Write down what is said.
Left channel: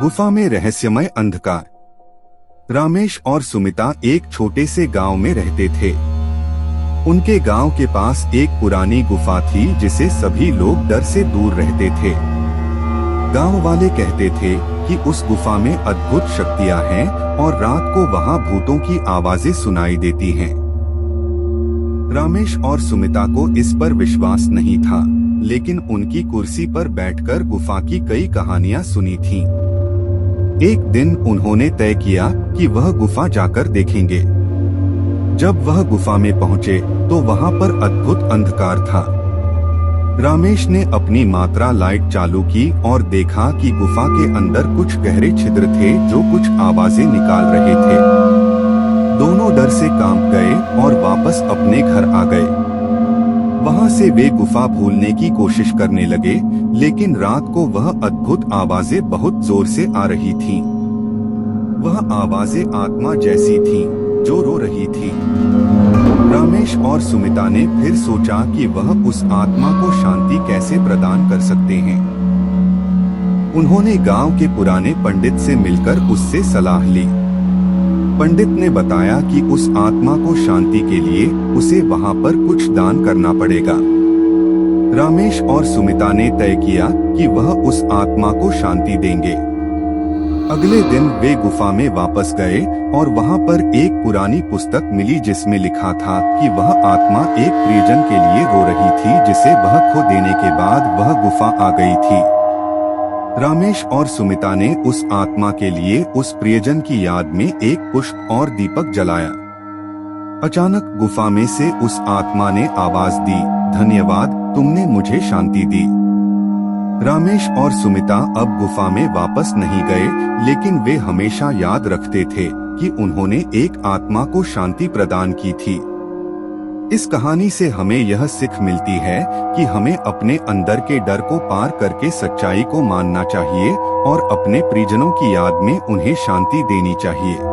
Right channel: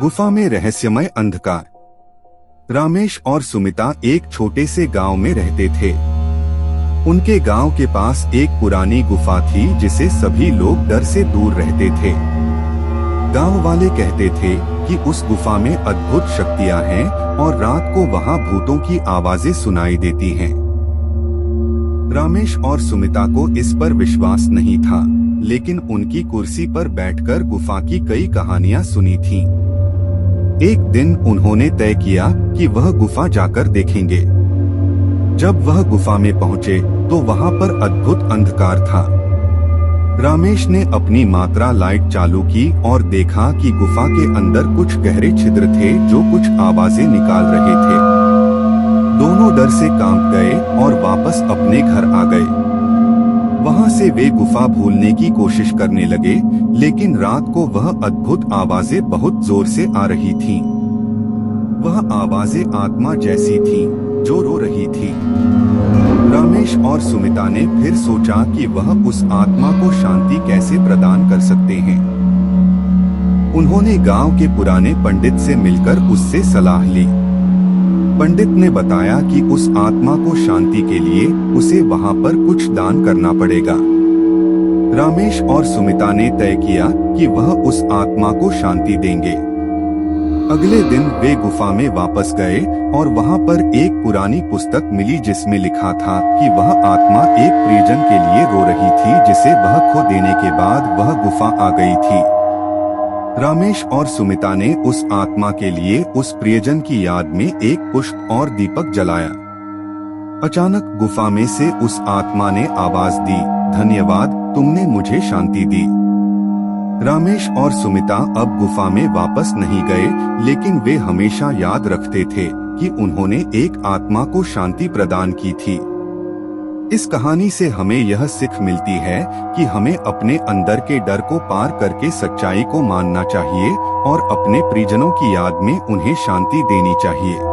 गुफा में रहस्यमय अंधकार। रामेश और सुमिता एक छोटे से गांव में रहते थे। उनके गांव के पास एक पुरानी गुफा थी जिसे सभी लोग डर से दूर रहते थे। गांव वाले कहते थे कि उस गुफा में अद्भुत शक्तियां हैं और रात को वहां भूतों की आवाजें सुनाई देती हैं। रामेश और सुमिता को इस पर विश्वास नहीं था, लेकिन उनकी कुर्सी पर बैठकर गुफा की कई कहानियां सुनी थीं। एक दिन उन्होंने तय किया कि वह गुफा जाकर देखेंगे। जब वह गुफा में पहुंचे तो वहां पर अद्भुत अंधकार था। रामेश ने अपनी मात्रा लाइट चालू की और देखा कि गुफा के अंदर कुछ गहरे छिद्र थे जो कुछ आवाजें निकाल रहे थे। दोनों डर से कांप गए और वापस अपने घर आ गए। वहां से वे गुफा भूलने की कोशिश करने लगे, लेकिन रात को वह अद्भुत आवाजें बहुत जोर से आ रही थीं। वह आवाजें आत्मा जैसी थीं, जो रो रही थी। रामेश और सुमिता ने फिर सोचा कि वह उस आत्मा को शांति कैसे प्रदान कर सकते हैं। उन्होंने गांव के पुराने पंडित से मिलकर उससे सलाह ली। पंडित ने बताया कि उस आत्मा को शांति के लिए उसे वहां पर कुछ दान करना पड़ेगा। रामेश और सुमिता ने तय किया कि वह उस आत्मा को शांति देंगे। अगले दिन वे गुफा में वापस गए और वहां पर एक पुरानी पुस्तक मिली जिसमें लिखा था कि वह आत्मा एक प्रियजन के लिए रो रही थी जिसे वह खो देने के बाद वह गुफा आ गई थी। रामेश और सुमिता ने उस आत्मा के लिए उस प्रियजन की याद में एक पुष्प और दीपक जलाया। अचानक गुफा में से उस आत्मा ने आवाज दी, धन्यवाद, तुमने मुझे शांति दी। रामेश और सुमिता अब गुफा में वापस नहीं गए, लेकिन वे हमेशा याद रखते थे कि उन्होंने एक आत्मा को शांति प्रदान की थी। इस कहानी से हमें यह सीख मिलती है कि हमें अपने अंदर के डर को पार करके सच्चाई को मानना चाहिए और अपने प्रियजनों की याद में उन्हें शांति देनी चाहिए।